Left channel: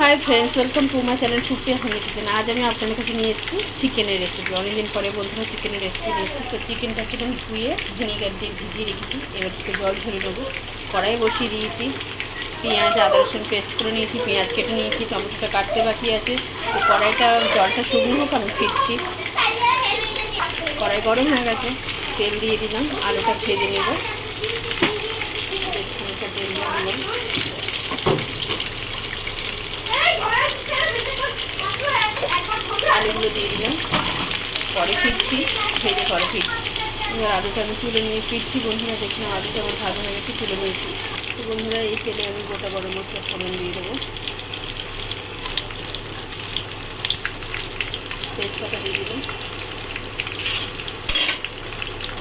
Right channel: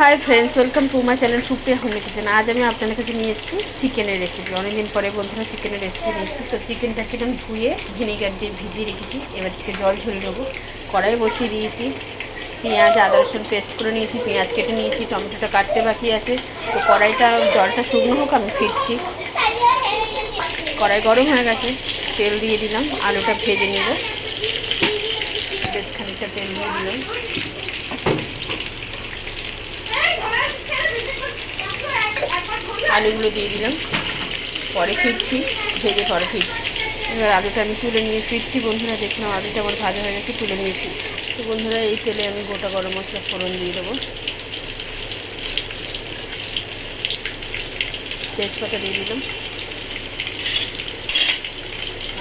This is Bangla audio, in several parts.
Hi friends, welcome to my channel Supriya homely kitchen. আজ আমি আপনাদের কাছে নিয়ে এসেছি চিকেনের রেসিপি। অনেকদিন পরে বন্ধুরা চিকেনের রেসিপি নিয়েছি। তো চিকেনটাকে আমি ধুয়ে ভিনিগার দিয়ে ভিজিয়ে রেখেছি। এবার থেকে জল ঝরিয়ে নেবো। কড়াই বসিয়ে দিয়েছি। পেঁয়াজ আদা রসুন পেস্ট করে নিয়েছি, পেঁয়াজ কেটে নিয়েছি, টমেটোটা কাটতে বাকি আছে। তো কড়াইটা জলটা শুকনো হোক, আমি ফিরছি। কড়াই গরম হয়ে গেছে, তেল দিয়ে দিলাম, আলুটা ভেজে নেব। খানিকটা তেল দিয়ে দিলাম, আলুগুলো দিয়ে দিলাম, পরে ফিরছি, ভেজে পরে ফিরছি। এবার আলুটা আমি তুলে নিয়ে ফিরছি। বন্ধুরা দেখলাম আলুটা আমার ভাজা হয়ে গেছে, তুলে নিয়ে ফিরছি। তো বন্ধুরা এই তেলে আমি গোটা গরম মশলা ফোড়ন দিয়ে দেবো, তেজপাতা দিয়ে দিলাম,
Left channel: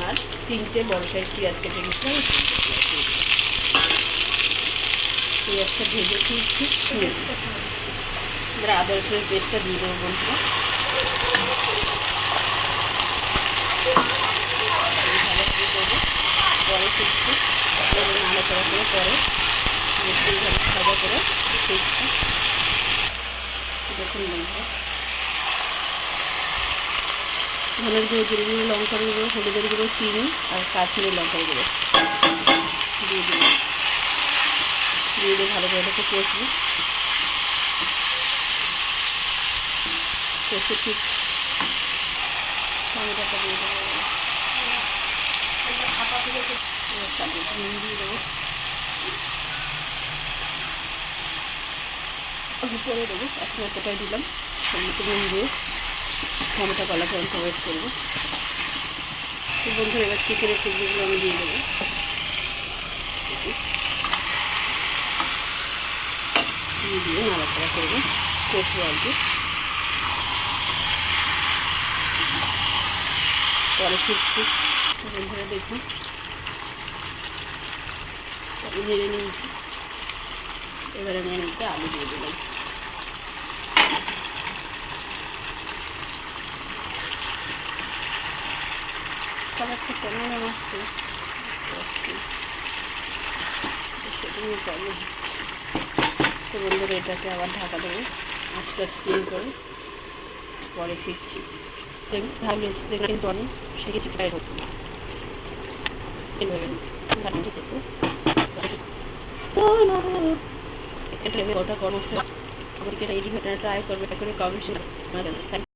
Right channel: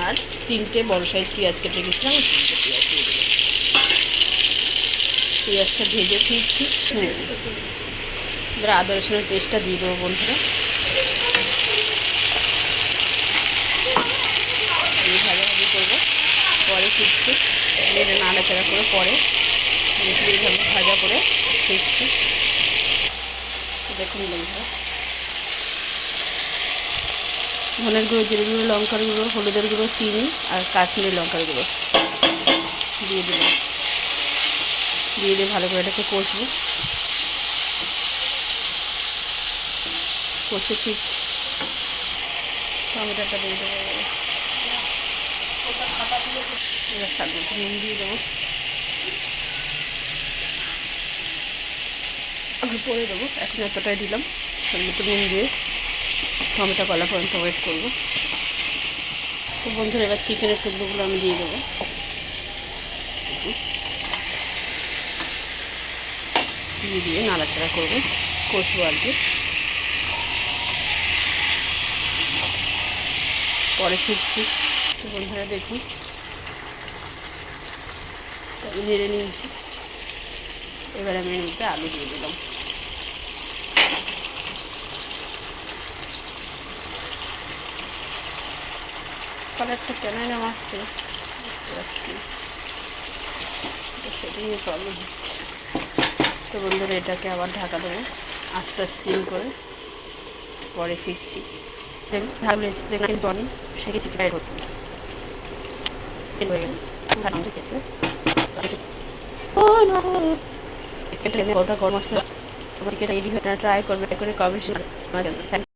আর 3টে বড় সাইজ পেঁয়াজ কেটে দিচ্ছিলাম। পেঁয়াজটা ভেজে ফিরছি। এবার আদা রসুনের পেস্টটা দিয়ে দেবো বন্ধুরা। ভালোভাবে করবো, পরে ফিরছি। এবার নাড়াচাড়া করে পরে এইভাবে ভাজা করে ফিরছি। দেখুন বন্ধুরা, ধনের গুঁড়ো, জিরে গুঁড়ো, লঙ্কার গুঁড়ো, হলুদের গুঁড়ো, চিনি আর কাশ্মীরি লঙ্কার গুঁড়ো দিয়ে দিলাম। দিয়ে দিয়ে ভালো করে এটাকে কষবো। কষে ঠিক টমেটোটা দিয়ে দেবো, সাথে নুন দিয়ে দেবো, পরে দেবো। এখন এতটাই দিলাম, মতো নুন দিয়ে টমেটো গলা পর্যন্ত ওয়েট করবো। তো বন্ধুরা এবার চিকেনের টুকরোগুলো আমি দিয়ে দেবো, দিয়ে দিয়ে নাড়াচাড়া করবো, কষবো আর কি। পরে ফিরছি। তো বন্ধুরা দেখুন নেড়ে নিয়েছি। এবার আমি নিতে আলু দিয়ে দিলাম। কালারটা কেন যেন আসছে সেটা নিয়ে প্রবলেম হচ্ছে। তো বন্ধুরা এটাকে আবার ঢাকা দেবো আস্তে স্টিম করে, পরে ফিরছি। ঢাকলেছি জনি সেকে চিকেন হতো ওটা গরম মশলা চিকেন ট্রাই করবে করে কমেন্ট